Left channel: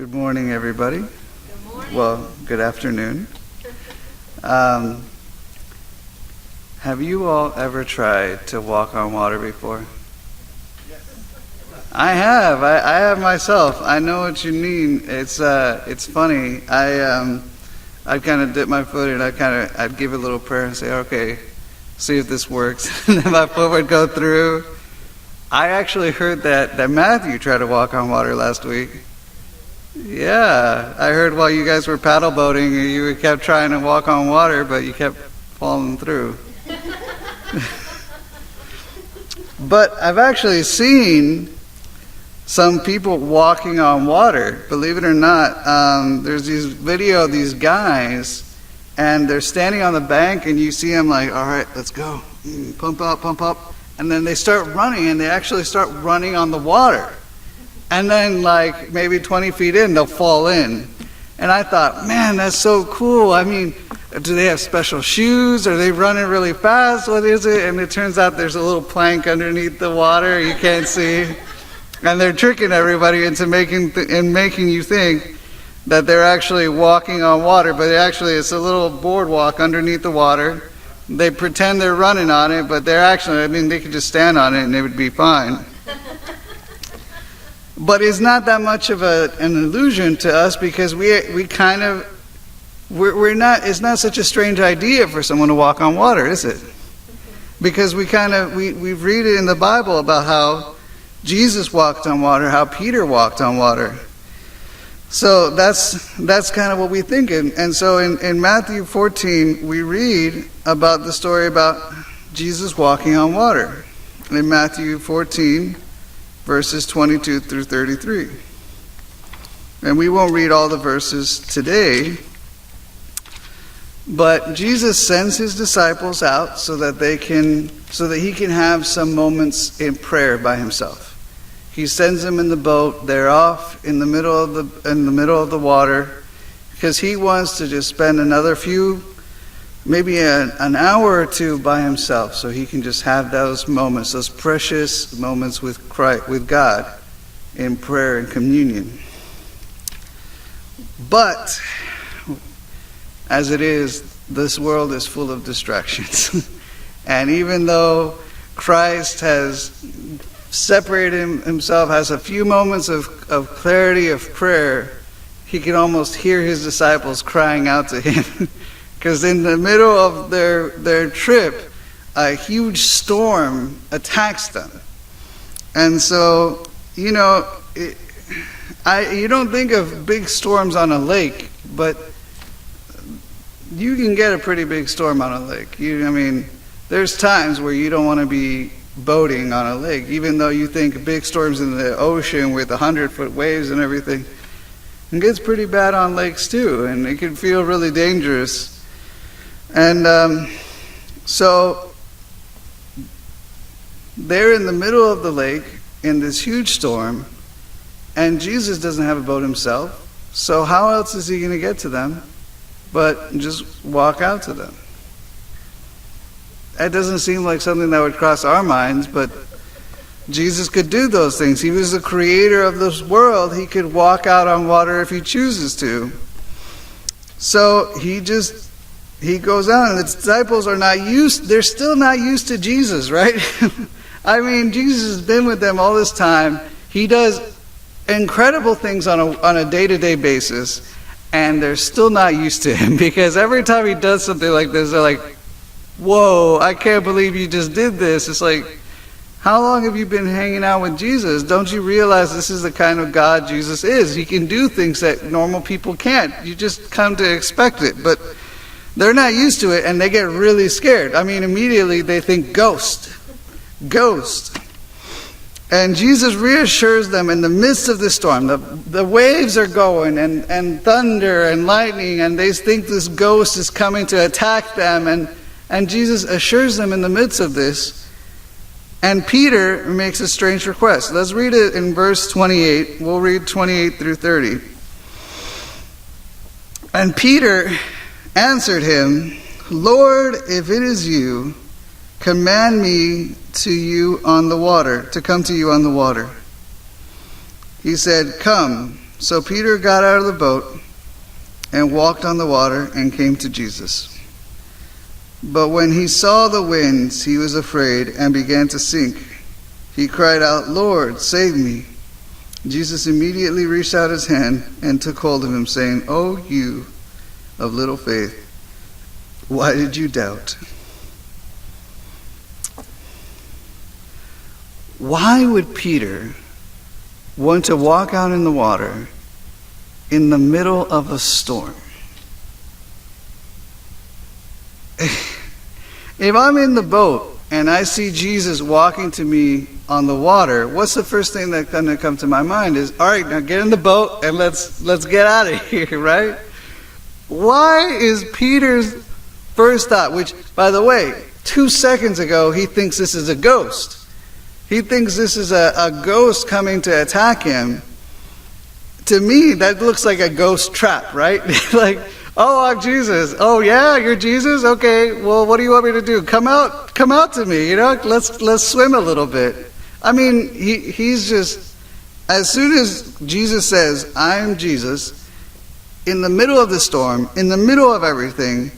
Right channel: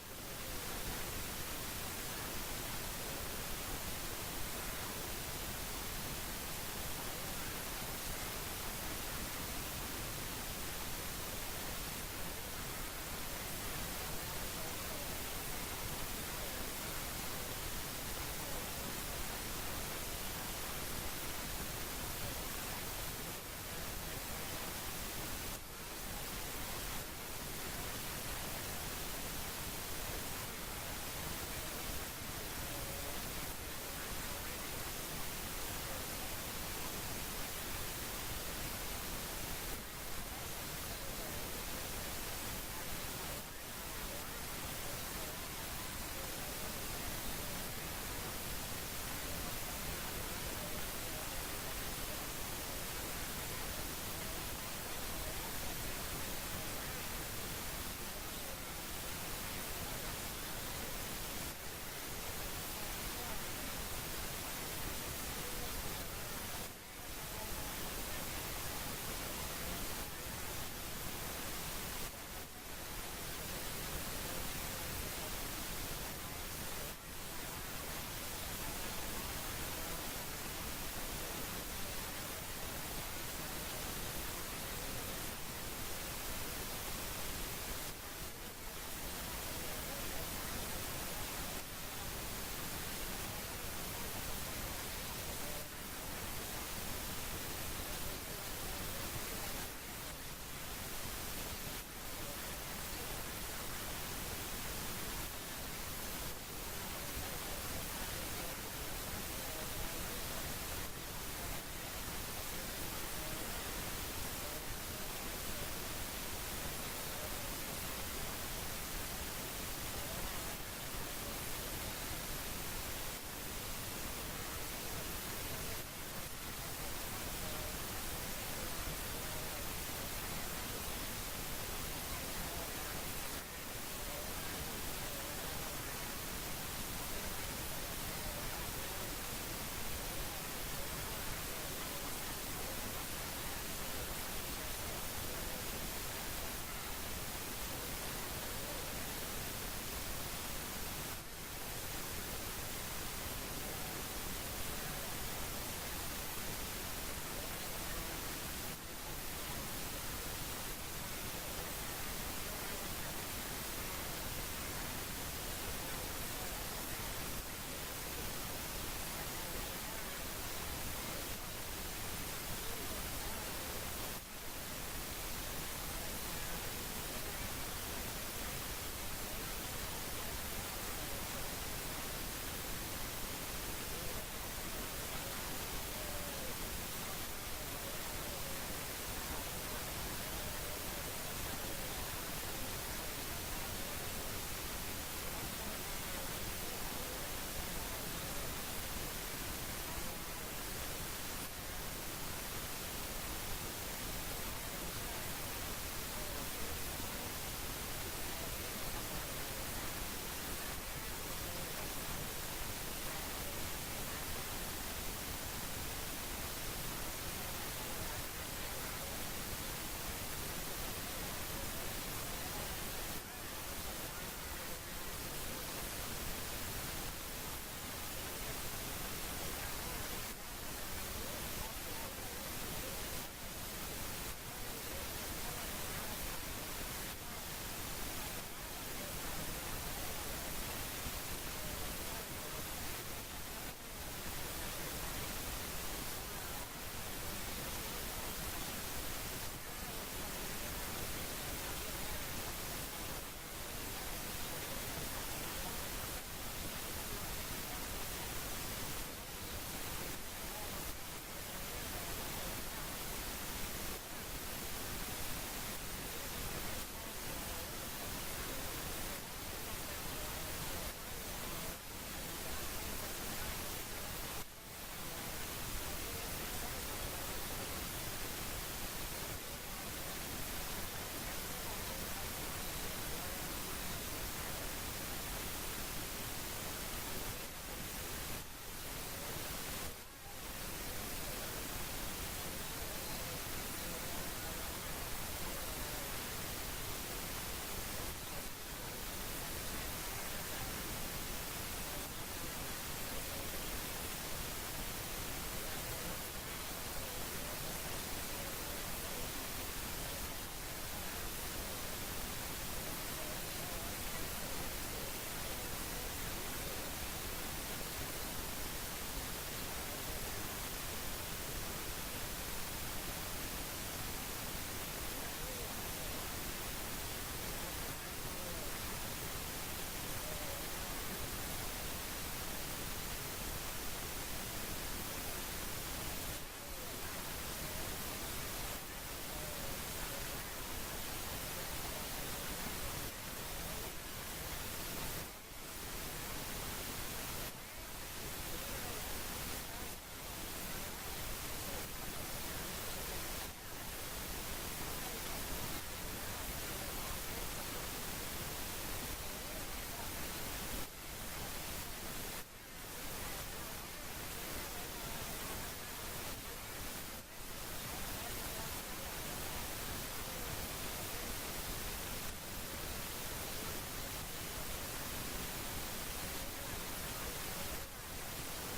Good morning, everybody. Good morning. Well, good afternoon. Have you all ever tried to walk on water before? I have. I have myself. I know what you mean. It's funny. I'd kind of dip my foot in. I'd give a little prayer and say, okay, see if this works. And then my foot would go through. I actually heard that Matthew tried to walk on water last week. Yeah, I heard while you guys were paddle boating, you kept trying to walk on water, but you kept falling through. But I've actually seen some people walking on water, believe it or not. There's these video of these guys, and they're standing on the bank, and you see them like, all right, let's go. Pump up. And then they start running, and they actually start running on the water. And then like maybe 20 feet in, they'll fall in. And I thought, man, that's so cool. I mean, do they have special shoes? Are they running really fast? What is it? And it turns out there's a little plank underneath the water you can't see. And they're tricking everybody into making you think that they're actually walking on water, but actually it's a little boardwalk underneath the water. They pretend they're running on it, but they're actually, they could just stand on it and it would be fine. But it's not that much of an illusion to us, because we're not. It's not such a strange idea for someone to walk on water, is it? Because we read it in the Bible about how Jesus walked on water, how Peter walked on water. So that's kind of what we think. And so in Matthew 14, we read about the story about Jesus walking on water. In Matthew 14, verses 22 through 33. And we won't read all the verses today, but Jesus sends his disciples out so that he can have some moments in prayer by himself. He sends them in the boat. They're off in the middle of the water, because he wants to just spend another maybe an hour or two by himself, so he can just have those moments, those precious moments with Christ, with God, in prayer and communion. But as it is, this world is full of distractions. And even though Christ has separated himself, has a few moments of clarity of prayer, he can almost hear his disciples crying out to him. Because in the middle of their trip, a huge storm attacks them. And so, you don't think of big storms on a lake, but you can get a pretty big storm on a lake. There's times where you don't want to be boating on a lake, even though you think big storms in the ocean with 100-foot waves and everything. It gets pretty bad on lakes too, and it can feel really dangerous. And so they're in the middle of the lake in this huge storm, and Jesus doesn't have a boat himself, so how else is he going to get to them but just walk out to them? That doesn't seem like something that would cross our minds, but Jesus could do those things. He was the creator of this world. He could walk out on water if he chooses to. So he goes out, and the disciples they're still not used to Jesus, right? Jesus has been with them all this time. He does incredible things on a day-to-day basis, and they're still not used to him, because every time he does something like this, they're like, whoa, I can't believe you just did this. It's like, how long have you been hanging out with Jesus? Don't you realize this is the kind of God Jesus is? He can do things that normal people can't. You just come to expect it. But they're not used to it, and they get really scared. Immediately they think ghost. And Jesus reassures them in the midst of the storm. The waves are going, and thunder and lightning, and they think this ghost is coming to attack them. And Jesus assures them in the midst of this. And Peter makes a strange request. Let's read it in verse 28. We'll read 28 through 30. And Peter answered him, Lord, if it is you, command me to come to you on the water. He said, come. So Peter got out of the boat and walked on the water and came to Jesus. But when he saw the winds, he was afraid and began to sink. He cried out, "Lord, save me." Jesus immediately reached out his hand and took hold of him, saying, "O you of little faith, why did you doubt?" Why would Peter want to walk out in the water in the middle of a storm? If I'm in the boat and I see Jesus walking to me on the water, what's the first thing that's going to come to my mind is, all right, now get in the boat and let's get out of here, right? Why is Peter's first thought, which, by the way, 2 seconds ago, he thinks this is a ghost. He thinks this is a ghost coming to attack him. To me, that looks like a ghost trap, right? Like, oh, I'm Jesus. Oh, yeah, you're Jesus? Okay, well, what do you want me to do? Come out to me, you know? Let's swim a little bit. I mean, he's just, as soon as Jesus says, "I'm Jesus," in the middle of the storm, in the middle of everything,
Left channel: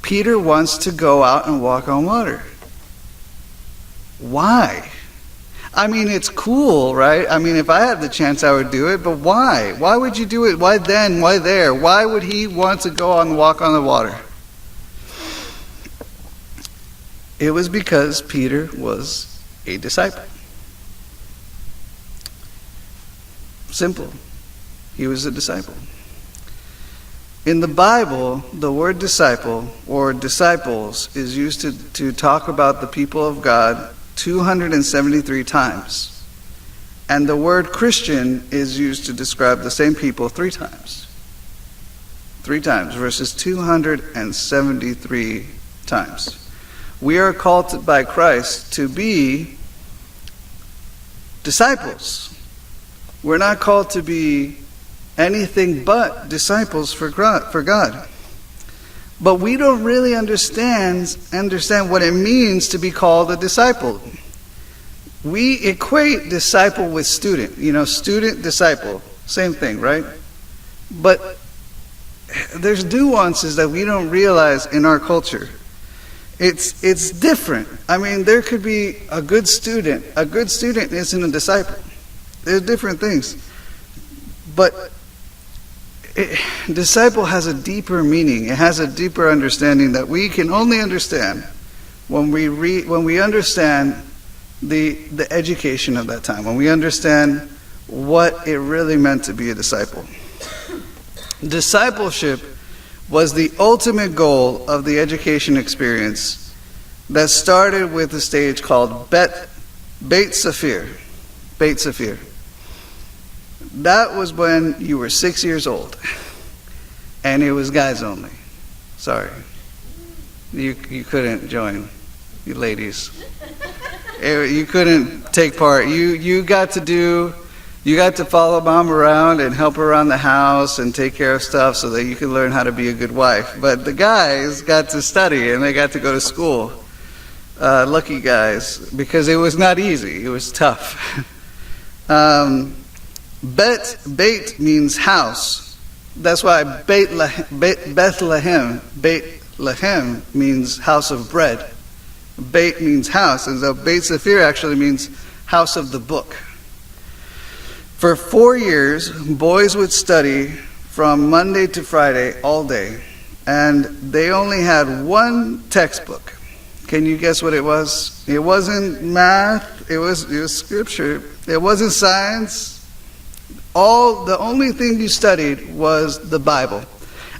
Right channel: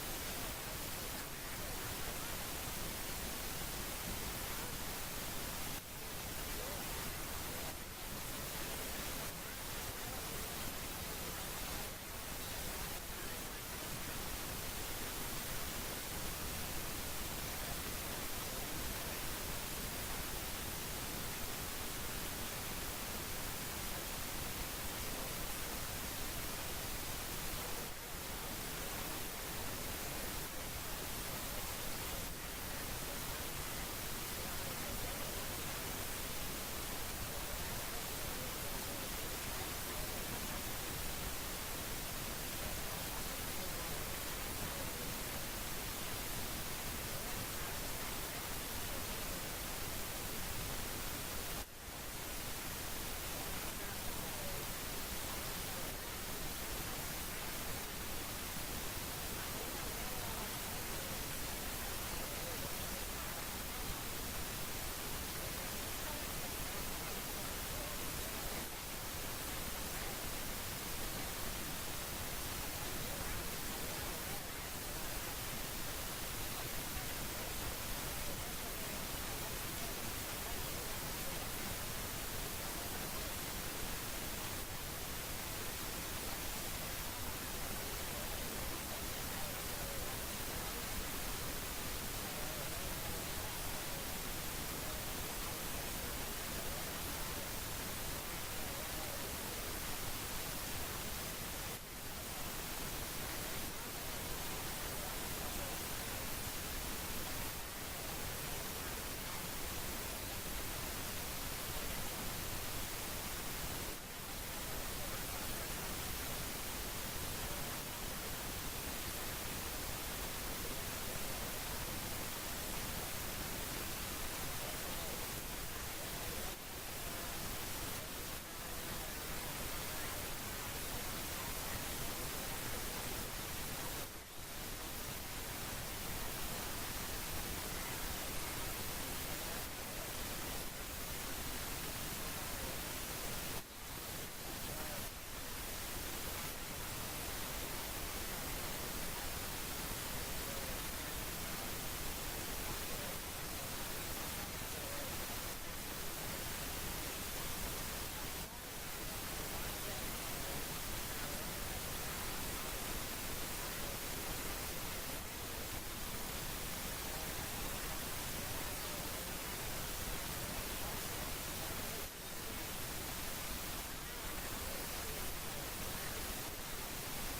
Peter wants to go out and walk on water. Why? I mean, it's cool, right? I mean, if I had the chance, I would do it, but why? Why would you do it? Why then? Why there? Why would he want to go on and walk on the water? It was because Peter was a disciple. Simple. He was a disciple. In the Bible, the word disciple or disciples is used to talk about the people of God 273 times. And the word Christian is used to describe the same people 3 times. 3 times versus 273 times. We are called by Christ to be disciples. We're not called to be anything but disciples for God. But we don't really understand what it means to be called a disciple. We equate disciple with student. You know, student, disciple. Same thing, right? But there's nuances that we don't realize in our culture. It's different. I mean, there could be a good student. A good student isn't a disciple. There's different things. But disciple has a deeper meaning. It has a deeper understanding that we can only understand when we understand the education of that time, when we understand what it really meant to be a disciple. Discipleship was the ultimate goal of the education experience that started with a stage called Beit Sefer. Beit Sefer. That was when you were 6 years old. And it was guys only. Sorry. You couldn't join, you ladies. You couldn't take part. You got to follow mom around and help her around the house and take care of stuff so that you could learn how to be a good wife. But the guys got to study and they got to go to school. Lucky guys, because it was not easy. It was tough. Beit means house. That's why Bethlehem means house of bread. Beit means house, and so Beit Sefer actually means house of the book. For 4 years, boys would study from Monday to Friday all day, and they only had one textbook. Can you guess what it was? It wasn't math. It was scripture. It wasn't science. The only thing you studied was the Bible,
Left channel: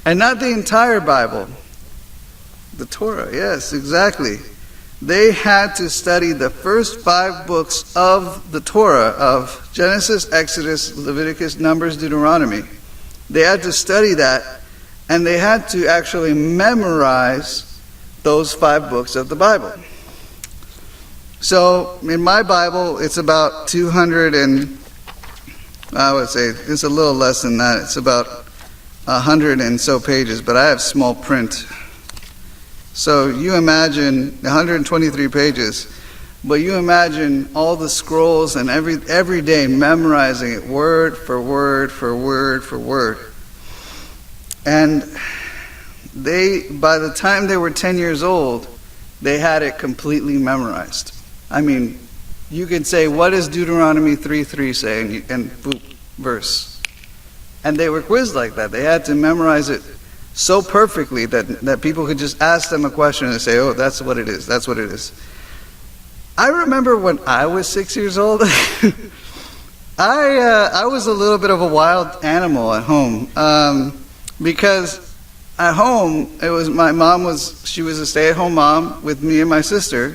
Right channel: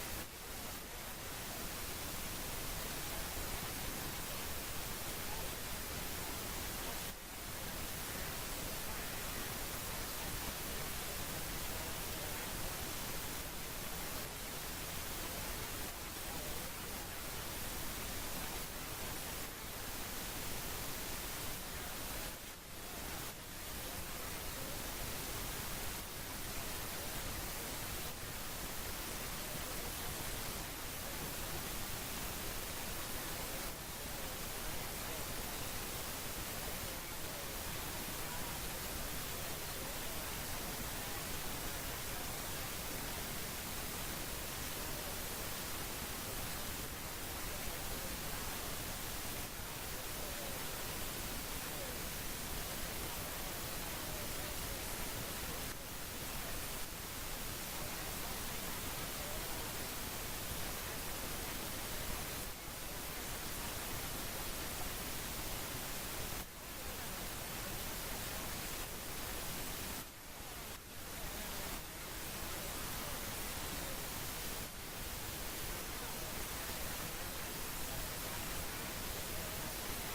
and not the entire Bible. The Torah, yes, exactly. They had to study the first 5 books of the Torah, of Genesis, Exodus, Leviticus, Numbers, Deuteronomy. They had to study that, and they had to actually memorize those 5 books of the Bible. So in my Bible, it's about 200 and, I would say it's a little less than that. It's about 100 and so pages, but I have small print. So you imagine 123 pages. But you imagine all the scrolls and every day memorizing it word for word for word for word. And by the time they were 10 years old, they had it completely memorized. I mean, you could say, what does Deuteronomy 3:3 say? And boop, verse. And they were quizzed like that. They had to memorize it so perfectly that people could just ask them a question and say, oh, that's what it is. That's what it is. I remember when I was 6 years old, I was a little bit of a wild animal at home. Because at home, my mom she was a stay-at-home mom with me and my sister.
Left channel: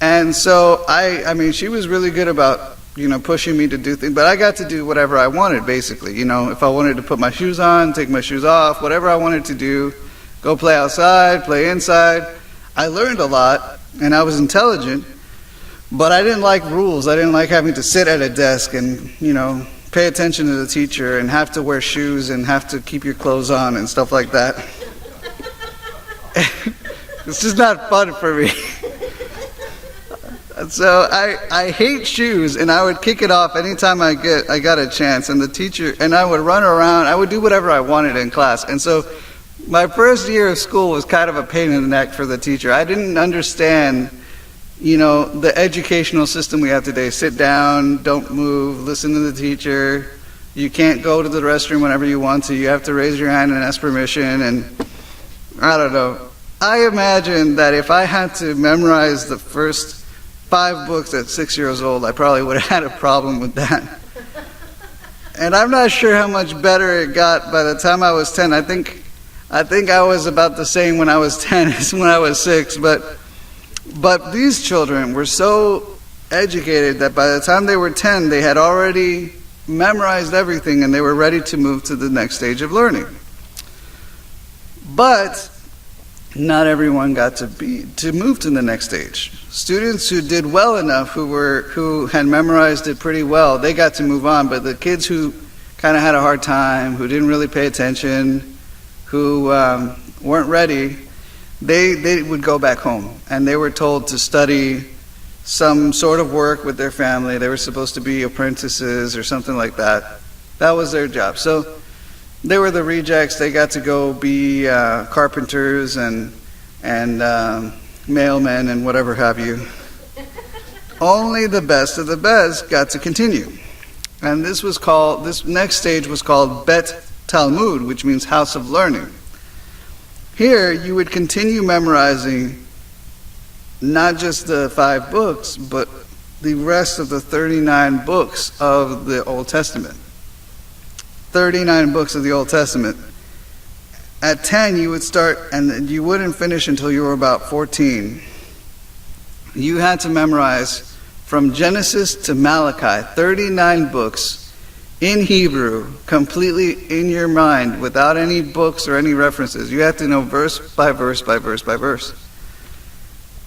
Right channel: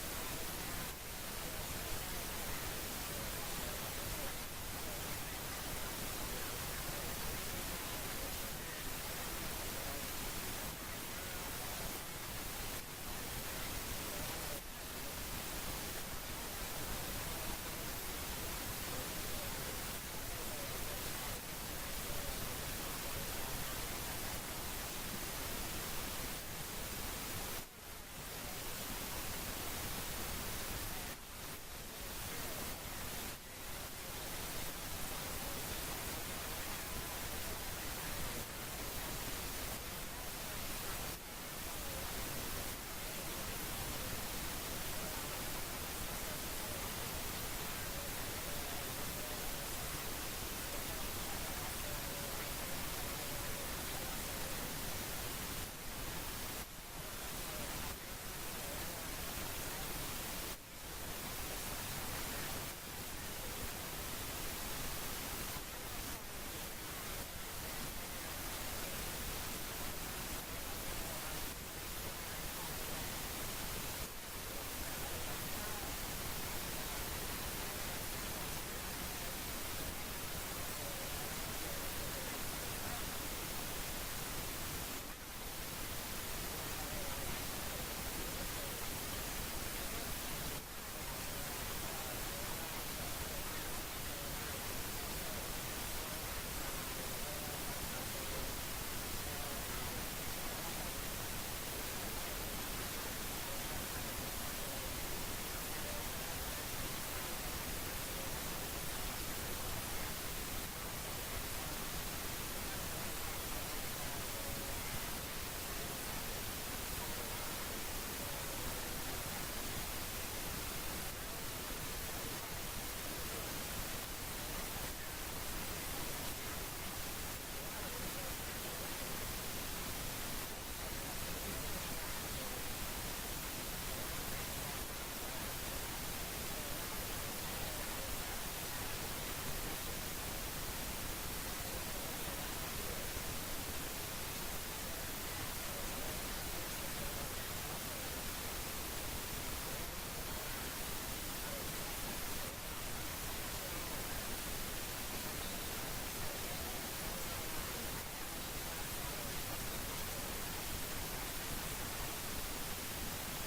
And so I mean, she was really good about, pushing me to do things, but I got to do whatever I wanted, basically. If I wanted to put my shoes on, take my shoes off, whatever I wanted to do, go play outside, play inside. I learned a lot, and I was intelligent, but I didn't like rules. I didn't like having to sit at a desk and, pay attention to the teacher and have to wear shoes and have to keep your clothes on and stuff like that. It's just not fun for me. So I hate shoes, and I would kick it off anytime I got a chance. And the teacher, and I would run around. I would do whatever I wanted in class. And so my first year of school was kind of a pain in the neck for the teacher. I didn't understand, the educational system we have today. Sit down, don't move, listen to the teacher. You can't go to the restroom whenever you want to. You have to raise your hand and ask permission. And I don't know. I imagine that if I had to memorize the first 5 books at 6 years old, I probably would have had a problem with that. And I'm not sure how much better it got by the time I was 10. I think I was about the same when I was 10 as when I was 6. But these children were so educated that by the time they were 10, they had already memorized everything and they were ready to move to the next stage of learning. But not everyone got to move to the next stage. Students who did well enough, who had memorized it pretty well, they got to move on. But the kids who kind of had a hard time, who didn't really pay attention, who weren't ready, they would go back home. And they were told to study some sort of work with their family. They were supposed to be apprentices or something like that. That was their job. So they were the rejects. They got to go be carpenters and mailmen and whatever have you. Only the best of the best got to continue. And this next stage was called Bet Talmud, which means house of learning. Here you would continue memorizing not just the 5 books, but the rest of the 39 books of the Old Testament. 39 books of the Old Testament. At 10, you would start, and you wouldn't finish until you were about 14. You had to memorize from Genesis to Malachi, 39 books in Hebrew, completely in your mind, without any books or any references. You had to know verse by verse by verse by verse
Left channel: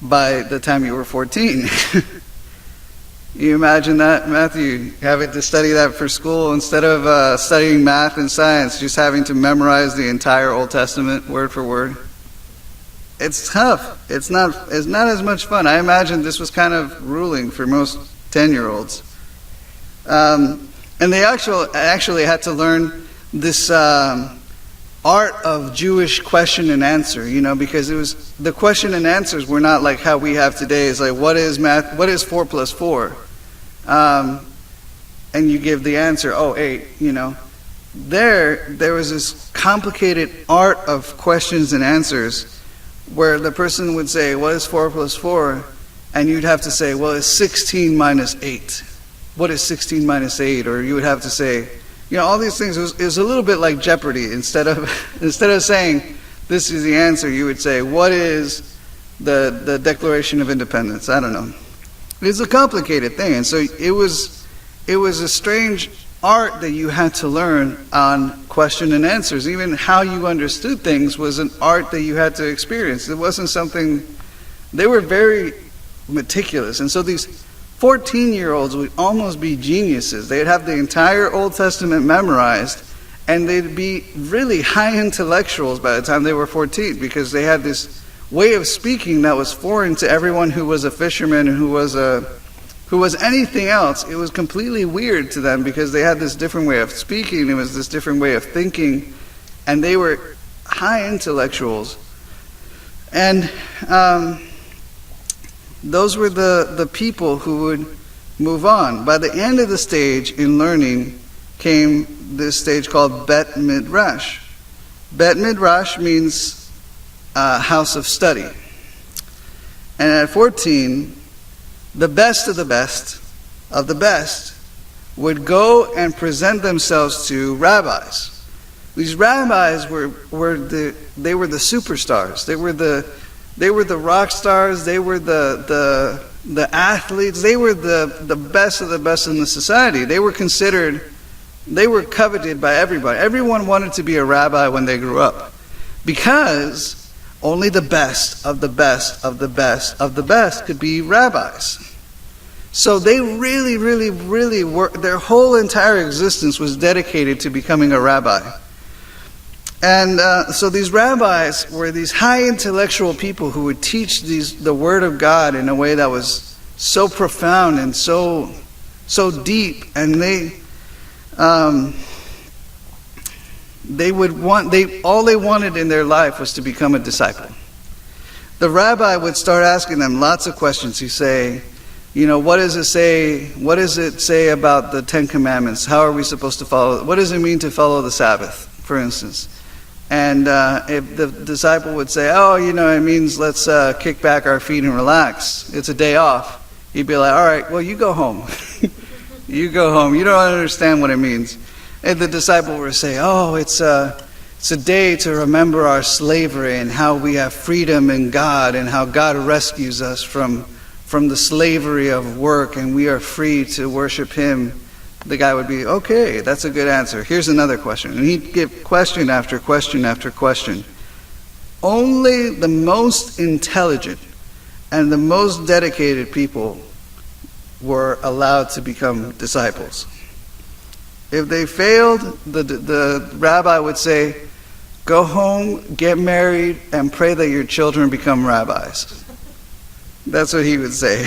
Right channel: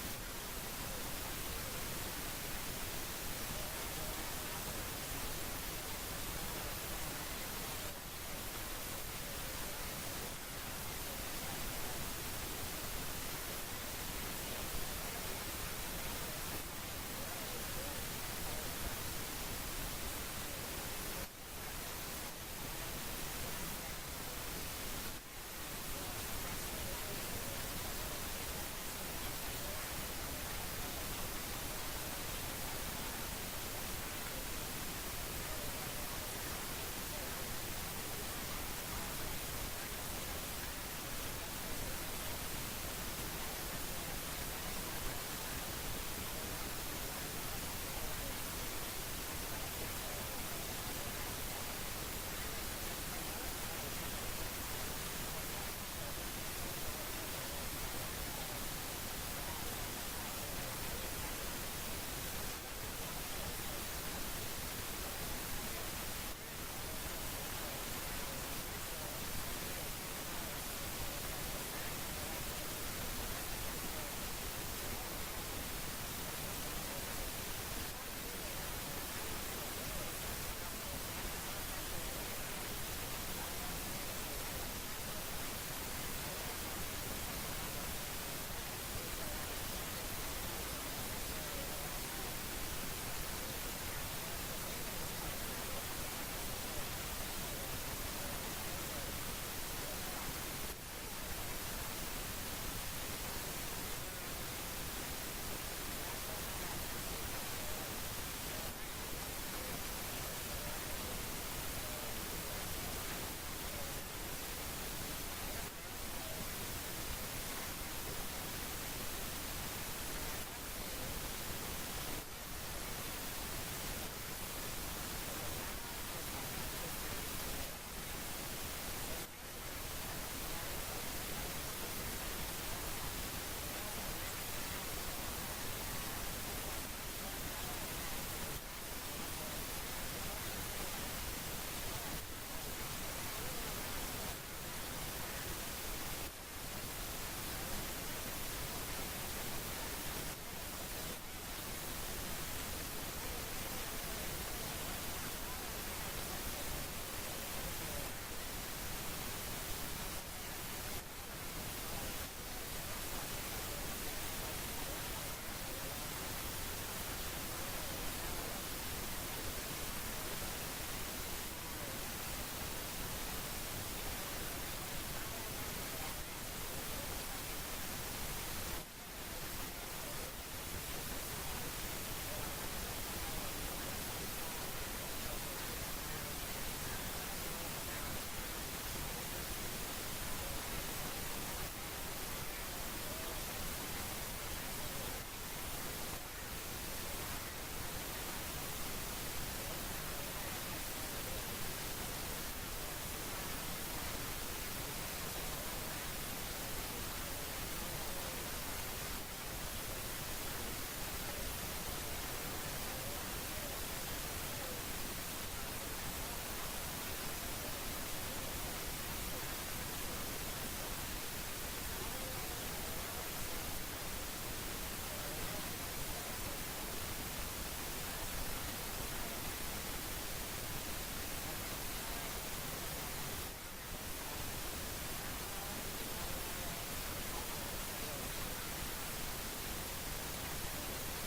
by the time you were 14. You imagine that, Matthew, having to study that for school instead of studying math and science, just having to memorize the entire Old Testament word for word? It's tough. It's not as much fun. I imagine this was kind of ruling for most 10-year-olds. And they actually had to learn this art of Jewish question and answer, because the question and answers were not like how we have today. It's like, what is math? What is 4 plus 4? And you give the answer, 8, There was this complicated art of questions and answers where the person would say, what is 4 plus 4? And you'd have to say, well, it's 16 minus 8. What is 16 minus 8? Or you would have to say, all these things. It was a little bit like Jeopardy. Instead of saying, this is the answer, you would say, what is the Declaration of Independence? I don't know. It's a complicated thing. And so it was a strange art that you had to learn on question and answers. Even how you understood things was an art that you had to experience. It wasn't something. They were very meticulous. And so these 14-year-olds would almost be geniuses. They'd have the entire Old Testament memorized, and they'd be really high intellectuals by the time they were 14, because they had this way of speaking that was foreign to everyone who was a fisherman and who was anything else. It was completely weird to them because they had this different way of speaking. It was this different way of thinking, and they were high intellectuals. And those were the people who would move on. By the end of the stage in learning came this stage called Bet Midrash. Bet Midrash means house of study. And at 14, the best of the best would go and present themselves to rabbis. These rabbis were the superstars. They were the rock stars. They were the athletes. They were the best of the best in the society. They were coveted by everybody. Everyone wanted to be a rabbi when they grew up, because only the best of the best of the best of the best could be rabbis. So they really were, their whole entire existence was dedicated to becoming a rabbi. And so these rabbis were these high intellectual people who would teach the Word of God in a way that was so profound and so deep. And all they wanted in their life was to become a disciple. The rabbi would start asking them lots of questions. He'd say, what does it say? What does it say about the Ten Commandments? How are we supposed to follow? What does it mean to follow the Sabbath, for instance? And if the disciple would say, it means let's kick back our feet and relax. It's a day off. He'd be like, all right, well, you go home. You go home. You don't understand what it means. And the disciple would say, it's a day to remember our slavery and how we have freedom in God and how God rescues us from the slavery of work and we are free to worship Him. The guy would be, okay, that's a good answer. Here's another question. And he'd give question after question after question. Only the most intelligent and the most dedicated people were allowed to become disciples. If they failed, the rabbi would say, go home, get married, and pray that your children become rabbis. That's what he would say.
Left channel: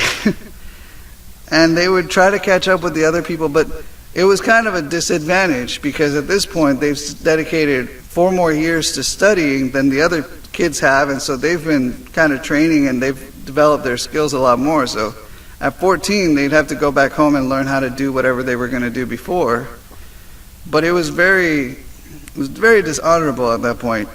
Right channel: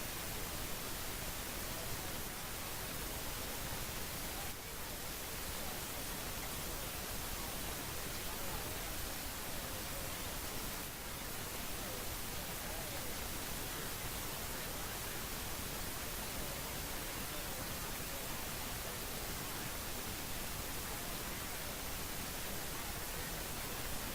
And they would try to catch up with the other people, but it was kind of a disadvantage because at this point they've dedicated 4 more years to studying than the other kids have, and so they've been kind of training and they've developed their skills a lot more. So at 14 they'd have to go back home and learn how to do whatever they were going to do before. But it was very dishonorable at that point.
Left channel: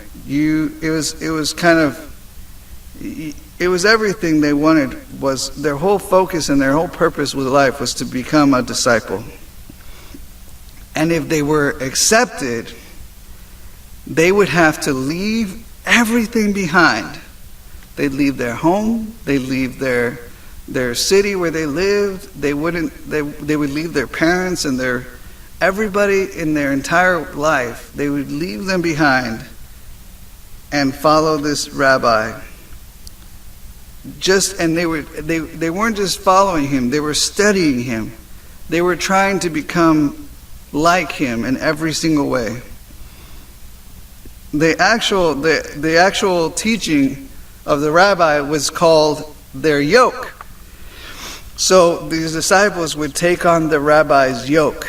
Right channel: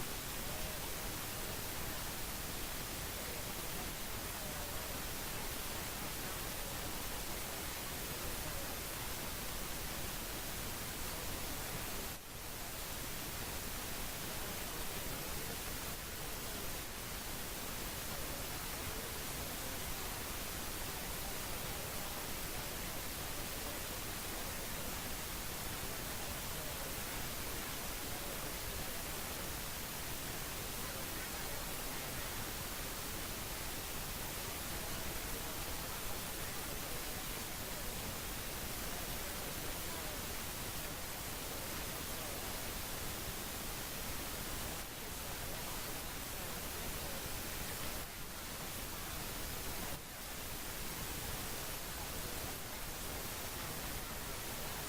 It was everything they wanted. Was their whole focus and their whole purpose with life was to become a disciple. And if they were accepted, they would have to leave everything behind. They'd leave their home. They'd leave their city where they lived. They would leave their parents and everybody in their entire life. They would leave them behind and follow this rabbi. And they weren't just following him, they were studying him. They were trying to become like him in every single way. The actual teaching of the rabbi was called their yoke. So these disciples would take on the rabbi's yoke,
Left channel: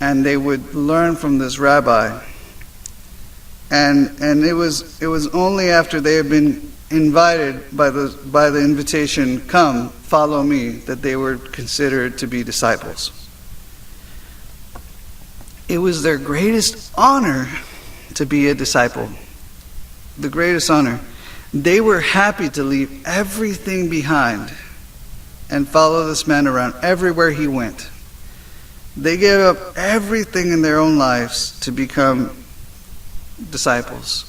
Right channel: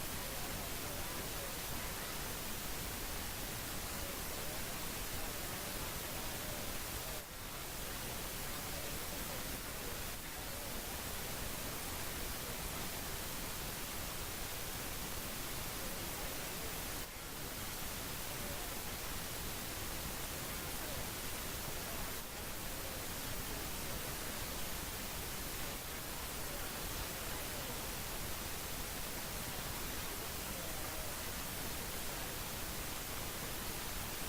and they would learn from this rabbi. And it was only after they had been invited by the invitation, come, follow me, that they were considered to be disciples. It was their greatest honor to be a disciple. The greatest honor. They were happy to leave everything behind and follow this man around everywhere he went. They gave up everything in their own lives to become disciples.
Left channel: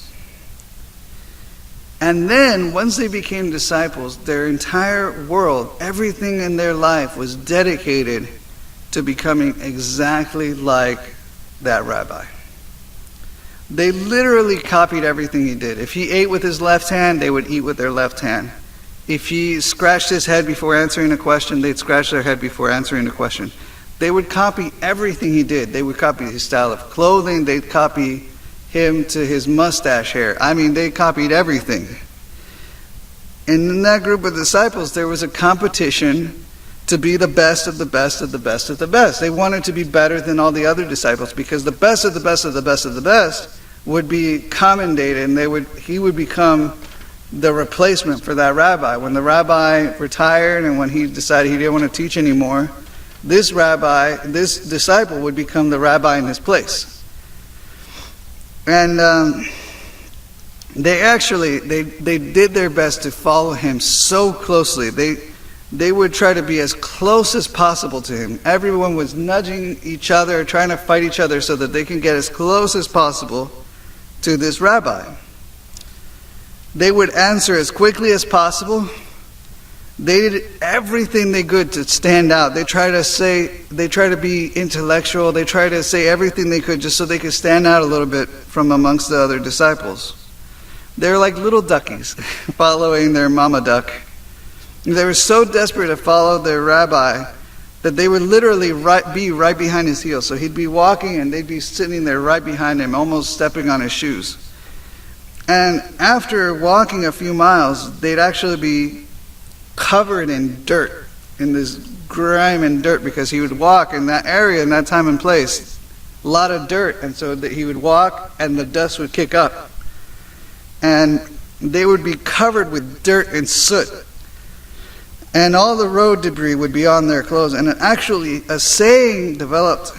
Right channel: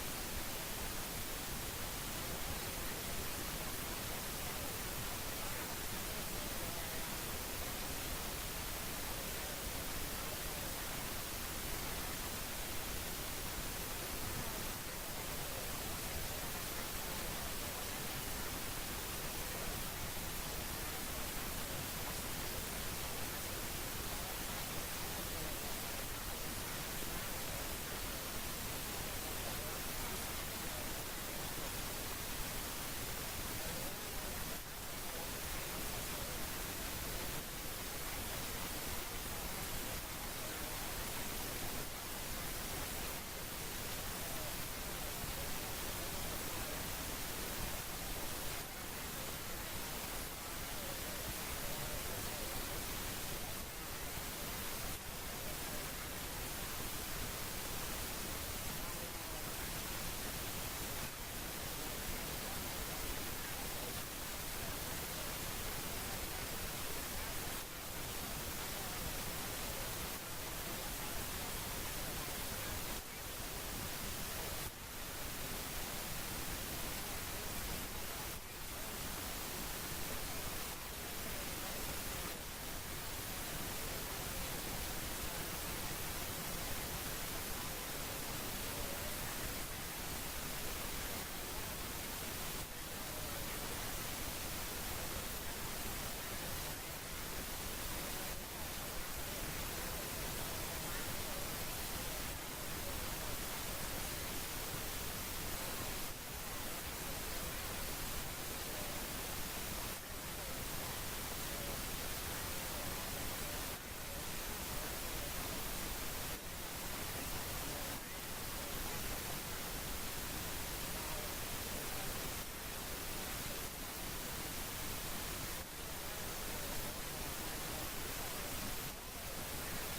And then, once they became disciples, their entire world, everything in their life was dedicated to becoming exactly like that rabbi. They literally copied everything he did. If he ate with his left hand, they would eat with their left hand. If he scratched his head before answering a question, they'd scratch their head before answering a question. They would copy everything he did. They would copy his style of clothing. They'd copy him to his mustache hair. I mean, they copied everything. And in that group of disciples, there was a competition to be the best of the best of the best of the best. They wanted to be better than all the other disciples, because the best of the best of the best of the best would be commendated, and he would become the replacement for that rabbi. When the rabbi retired and when he decided he didn't want to teach anymore, this disciple would become the rabbi in his place. And they did their best to follow him so closely. They would try to be as close as possible to him. Everyone was nudging each other, trying to fight each other so that they can get as close as possible to this rabbi. They would answer as quickly as possible. They did everything they could to stand out. They try to be intellectual. They try to say everything they could just so they could stand out a little bit from amongst the other disciples. They're like little duckies following their mama duck. They were so desperate to follow their rabbi that they would literally be right behind his heels. So he'd be walking and they'd be sitting there right behind him, almost stepping on his shoes. And after walking a few miles, they'd actually be covered in dirt, in this grime and dirt, because he would walk in that area, in that time and place, a lot of dirt. And so that he would walk and the dust would kick up. And they would be covered with dirt and soot. And all the road debris would be on their clothes. And actually, a saying developed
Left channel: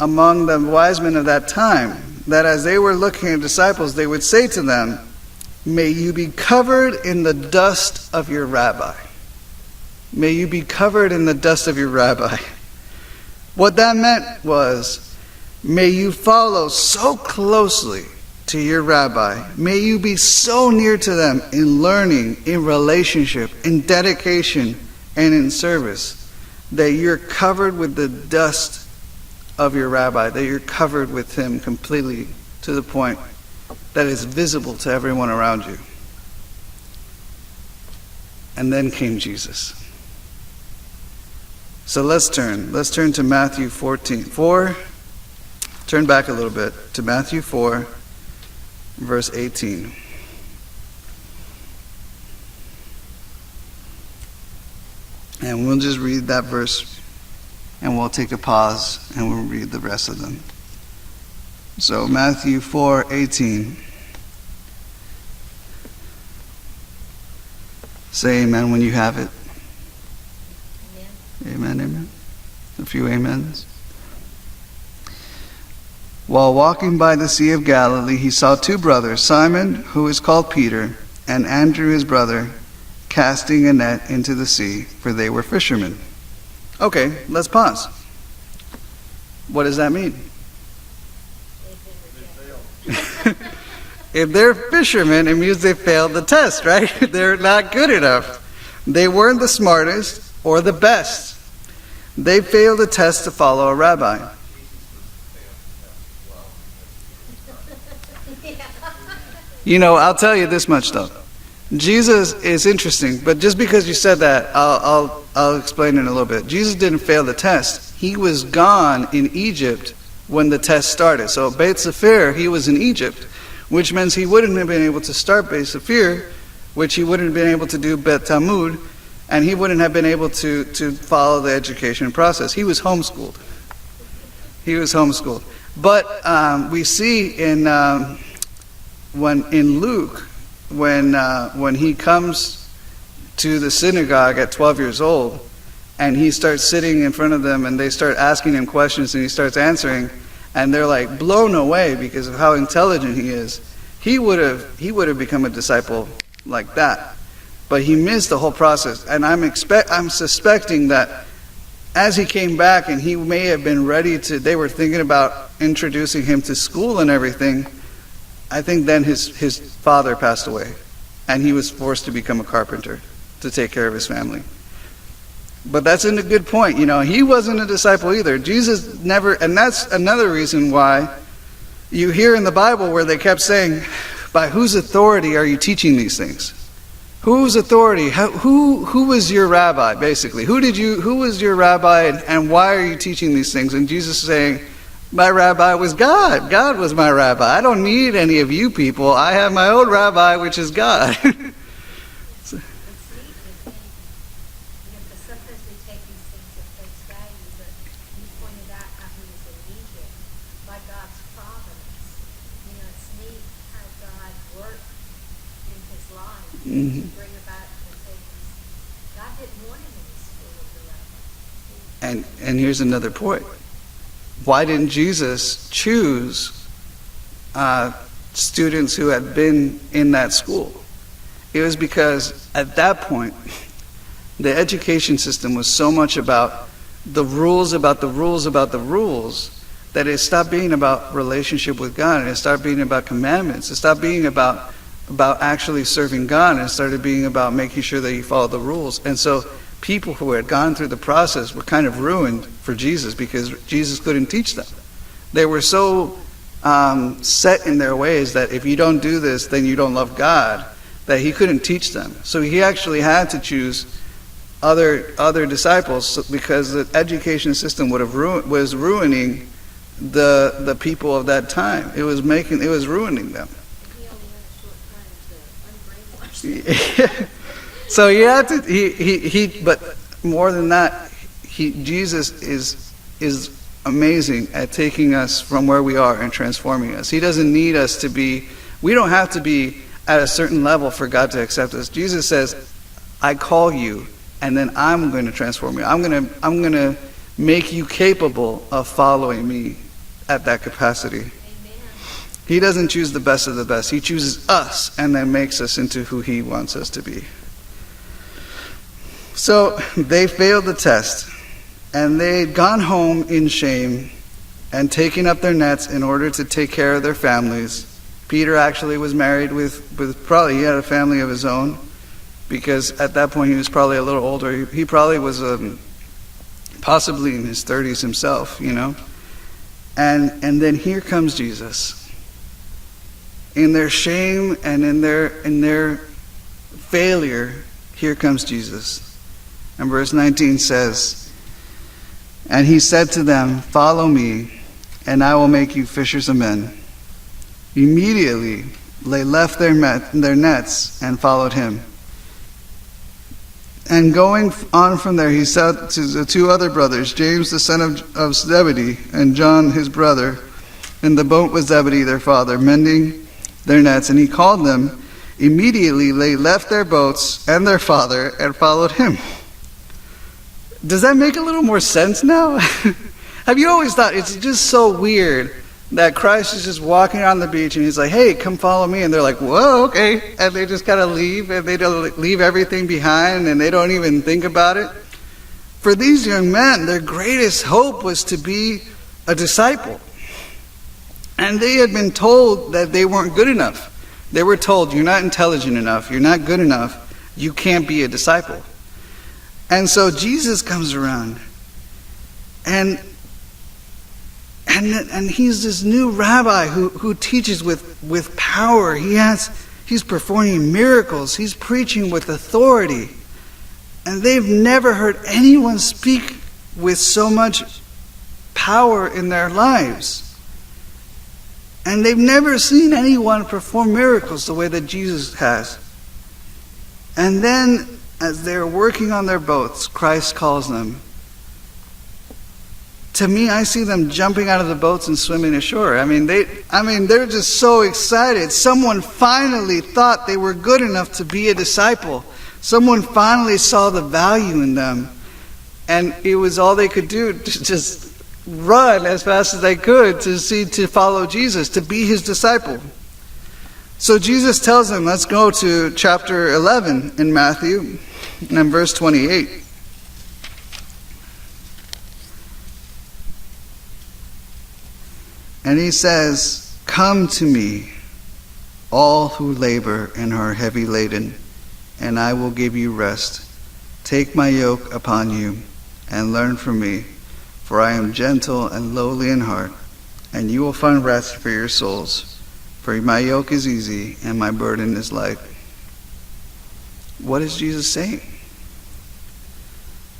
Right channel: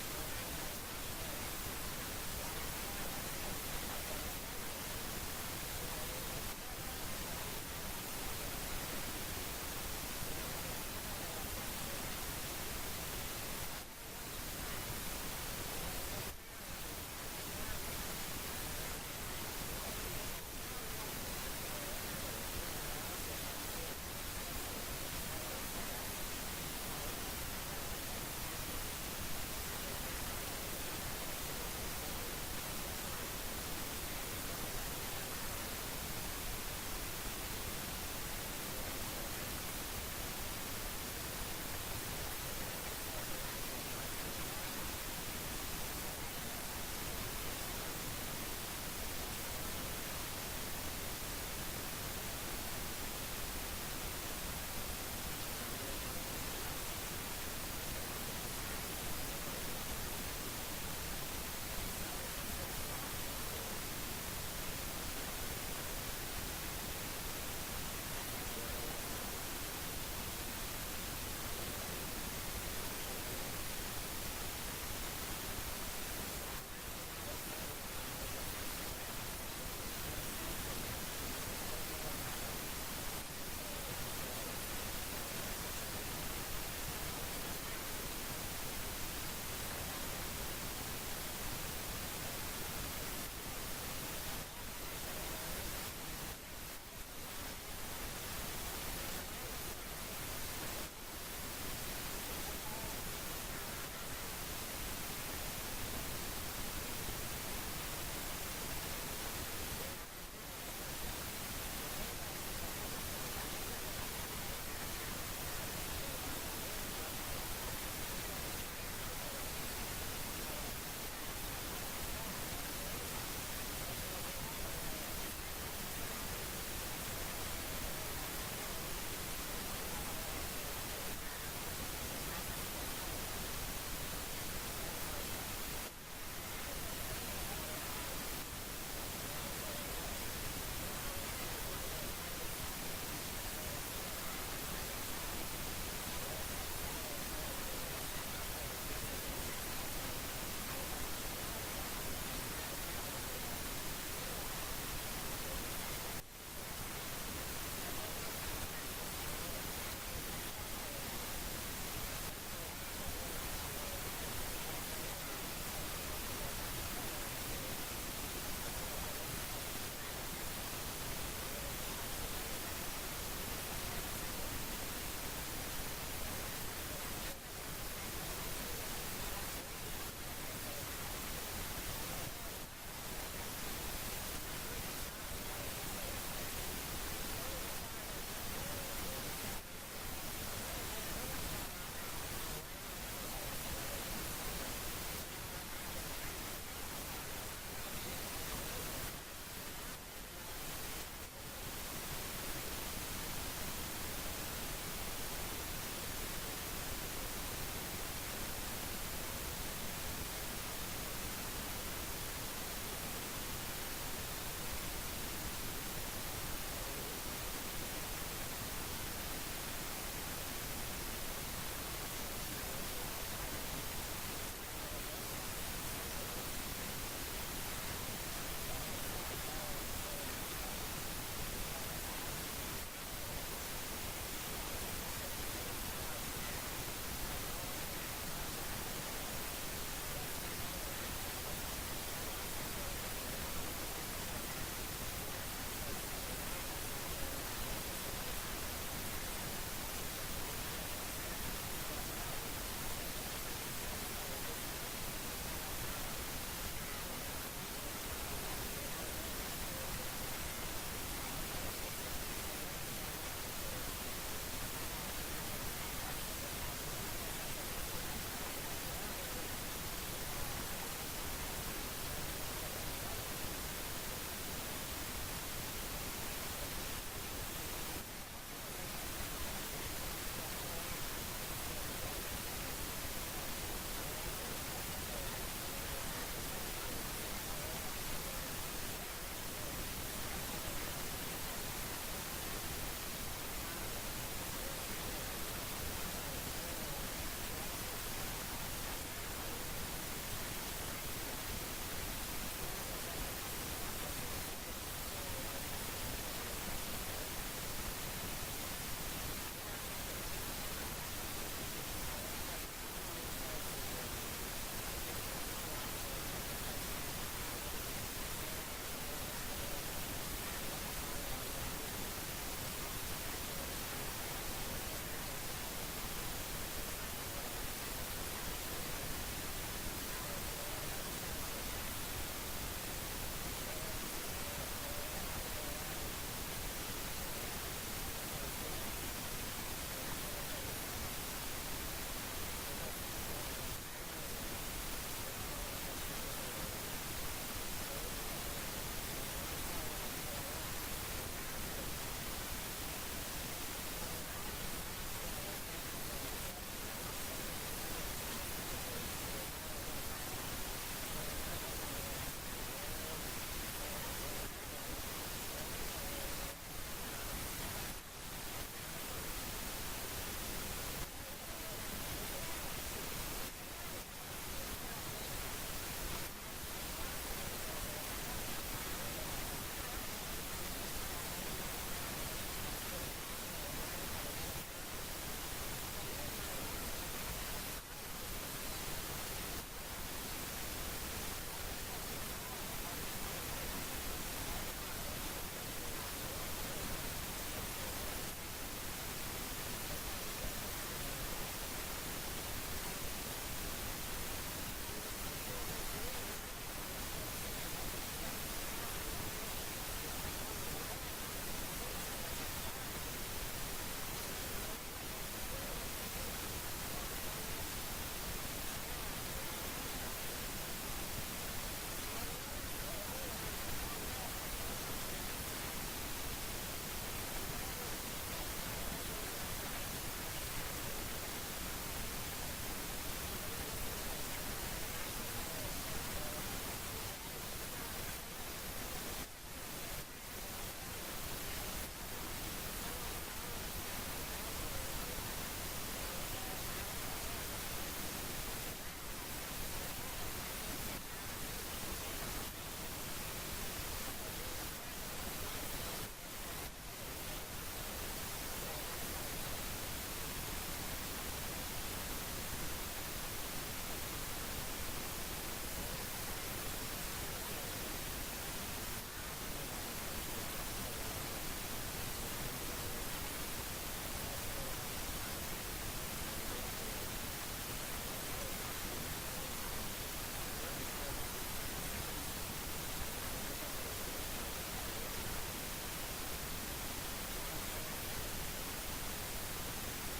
among the wise men of that time, that as they were looking at disciples, they would say to them, "May you be covered in the dust of your rabbi." May you be covered in the dust of your rabbi. What that meant was, may you follow so closely to your rabbi. May you be so near to them in learning, in relationship, in dedication, and in service, that you're covered with the dust of your rabbi, that you're covered with him completely to the point that is visible to everyone around you. And then came Jesus. So let's turn to Matthew 4. Turn back a little bit to Matthew 4, verse 18. And we'll just read that verse, and we'll take a pause, and we'll read the rest of them. So Matthew 4:18. Say amen when you have it. Amen, amen. A few amens. While walking by the Sea of Galilee, he saw two brothers, Simon, who is called Peter, and Andrew his brother, casting a net into the sea, for they were fishermen. Okay, let's pause. What does that mean? If they're fishermen, it means they failed the test, right? They're not good enough. They weren't the smartest or the best. They failed the test to follow a rabbi. You know, I'll tell you this much though. Jesus is interesting, but just because you said that, I'll explain it in a little bit. Jesus didn't fail the test. He was gone in Egypt when the test started. So Beit Sefer, he was in Egypt, which means he wouldn't have been able to start Beit Sefer, which he wouldn't have been able to do Bet Talmud, and he wouldn't have been able to follow the education process. He was homeschooled. But we see in Luke, when he comes to the synagogue at 12 years old, and he starts sitting in front of them, and they start asking him questions, and he starts answering, and they're like blown away because of how intelligent he is. He would have become a disciple like that, but he missed the whole process. And I'm suspecting that as he came back, and he may have been ready to, they were thinking about introducing him to school and everything. I think then his father passed away, and he was forced to become a carpenter to take care of his family. But that's a good point. You know, he wasn't a disciple either. Jesus never, and that's another reason why you hear in the Bible where they kept saying, by whose authority are you teaching these things? Whose authority? Who was your rabbi, basically? Who was your rabbi, and why are you teaching these things? And Jesus is saying, my rabbi was God. God was my rabbi. I don't need any of you people. I have my own rabbi, which is God. Mhm. And here's another point. Why didn't Jesus choose students who had been in that school? It was because at that point, the education system was so much about the rules, about the rules, about the rules, that it stopped being about relationship with God, and it started being about commandments. It stopped being about actually serving God, and it started being about making sure that you follow the rules. And so people who had gone through the process were kind of ruined for Jesus because Jesus couldn't teach them. They were so set in their ways that if you don't do this, then you don't love God, that he couldn't teach them. So he actually had to choose other disciples because the education system was ruining the people of that time. It was ruining them. So he had to but more than that, Jesus is amazing at taking us from where we are and transforming us. He doesn't need us to be, we don't have to be at a certain level for God to accept us. Jesus says, I call you, and then I'm going to transform you. I'm going to make you capable of following me at that capacity. He doesn't choose the best of the best. He chooses us and then makes us into who he wants us to be. So they failed the test, and they had gone home in shame and taken up their nets in order to take care of their families. Peter actually was married with probably, he had a family of his own, because at that point he was probably a little older. He probably was possibly in his 30s himself, you know. And then here comes Jesus. In their shame and in their failure, here comes Jesus. And verse 19 says, and he said to them, follow me, and I will make you fishers of men. Immediately they left their nets and followed him. And going on from there, he said to the two other brothers, James the son of Zebedee, and John his brother, in the boat with Zebedee their father, mending their nets. And he called them. Immediately they left their boats and their father and followed him. Does that make a little more sense now? Have you always thought it's just so weird that Christ is just walking on the beach and he's like, hey, come follow me. And they're like, whoa, okay. And they just kind of leave, and they don't leave everything behind, and they don't even think about it. For these young men, their greatest hope was to be a disciple. And they had been told that they weren't good enough. They were told, you're not intelligent enough, you're not good enough, you can't be a disciple. And so Jesus comes around, and he's this new rabbi who teaches with power. He's performing miracles. He's preaching with authority. And they've never heard anyone speak with so much power in their lives. And they've never seen anyone perform miracles the way that Jesus has. And then, as they're working on their boats, Christ calls them. To me, I see them jumping out of the boats and swimming ashore. I mean, they're just so excited. Someone finally thought they were good enough to be a disciple. Someone finally saw the value in them. And it was all they could do to just run as fast as they could to follow Jesus, to be his disciple. So Jesus tells them, let's go to chapter 11 in Matthew, and verse 28. And he says, come to me, all who labor and are heavy laden, and I will give you rest. Take my yoke upon you and learn from me, for I am gentle and lowly in heart, and you will find rest for your souls. For my yoke is easy and my burden is light. What is Jesus saying?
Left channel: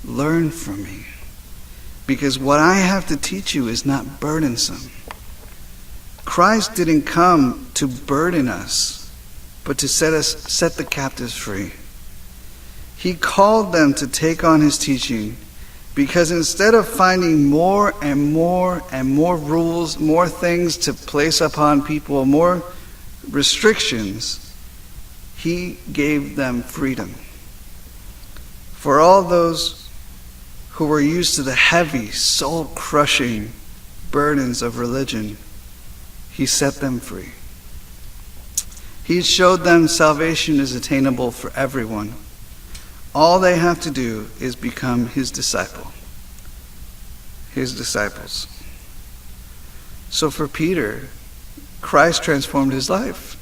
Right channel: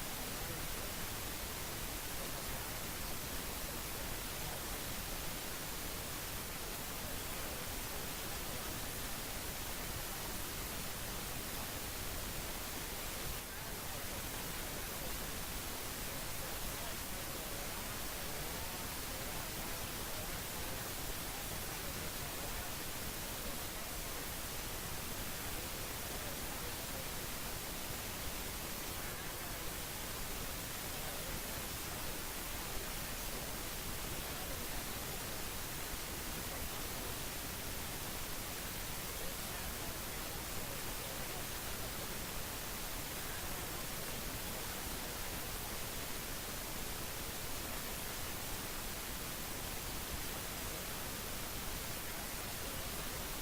Learn from me. Because what I have to teach you is not burdensome. Christ didn't come to burden us, but to set the captives free. He called them to take on his teaching, because instead of finding more and more and more rules, more things to place upon people, more restrictions, he gave them freedom. For all those who were used to the heavy, soul-crushing burdens of religion, he set them free. He showed them salvation is attainable for everyone. All they have to do is become his disciple. His disciples. So for Peter, Christ transformed his life.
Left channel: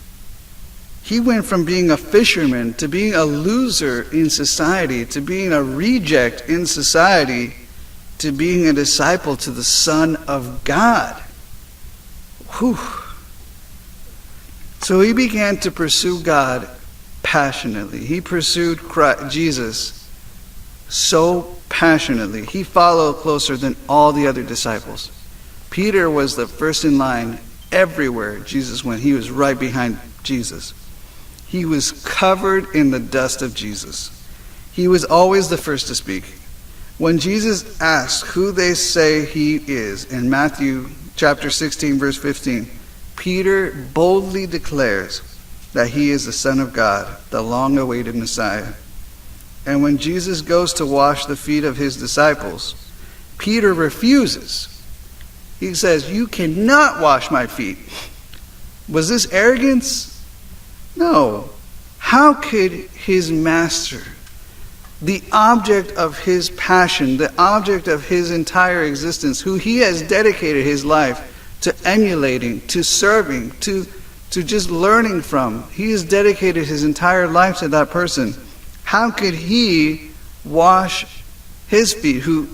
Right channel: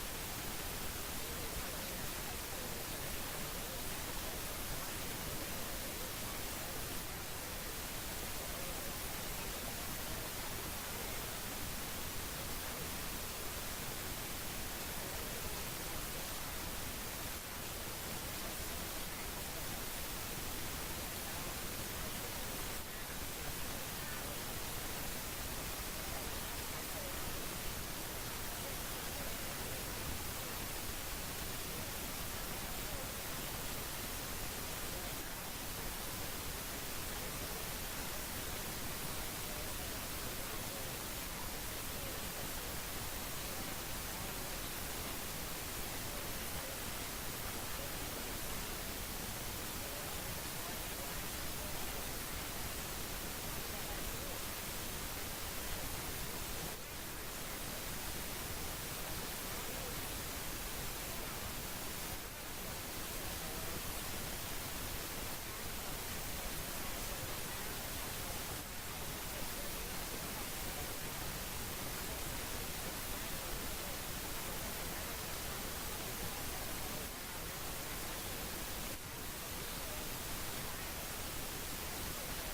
He went from being a fisherman to being a loser in society, to being a reject in society, to being a disciple to the Son of God. Whew. So he began to pursue God passionately. He pursued Jesus so passionately. He followed closer than all the other disciples. Peter was the first in line everywhere Jesus went. He was right behind Jesus. He was covered in the dust of Jesus. He was always the first to speak. When Jesus asked who they say he is in Matthew chapter 16, verse 15, Peter boldly declares that he is the Son of God, the long-awaited Messiah. And when Jesus goes to wash the feet of his disciples, Peter refuses. He says, "You cannot wash my feet." Was this arrogance? No. How could his master, the object of his passion, the object of his entire existence, who he has dedicated his life to emulating, to serving, to just learning from, he has dedicated his entire life to that person. How could he wash his feet? Who,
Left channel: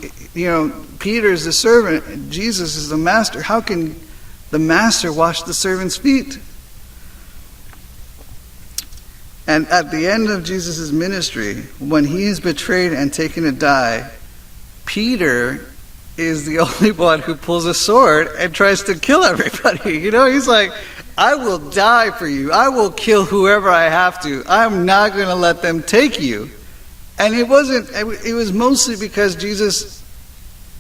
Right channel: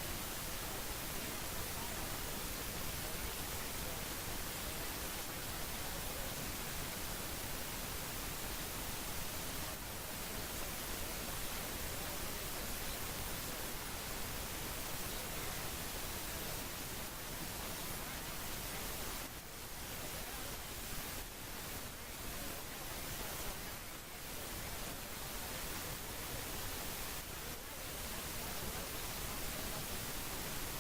Peter is the servant, Jesus is the master. How can the master wash the servant's feet? And at the end of Jesus' ministry, when he is betrayed and taken to die, Peter is the only one who pulls a sword and tries to kill everybody. He's like, "I will die for you. I will kill whoever I have to. I'm not going to let them take you." And it was mostly because Jesus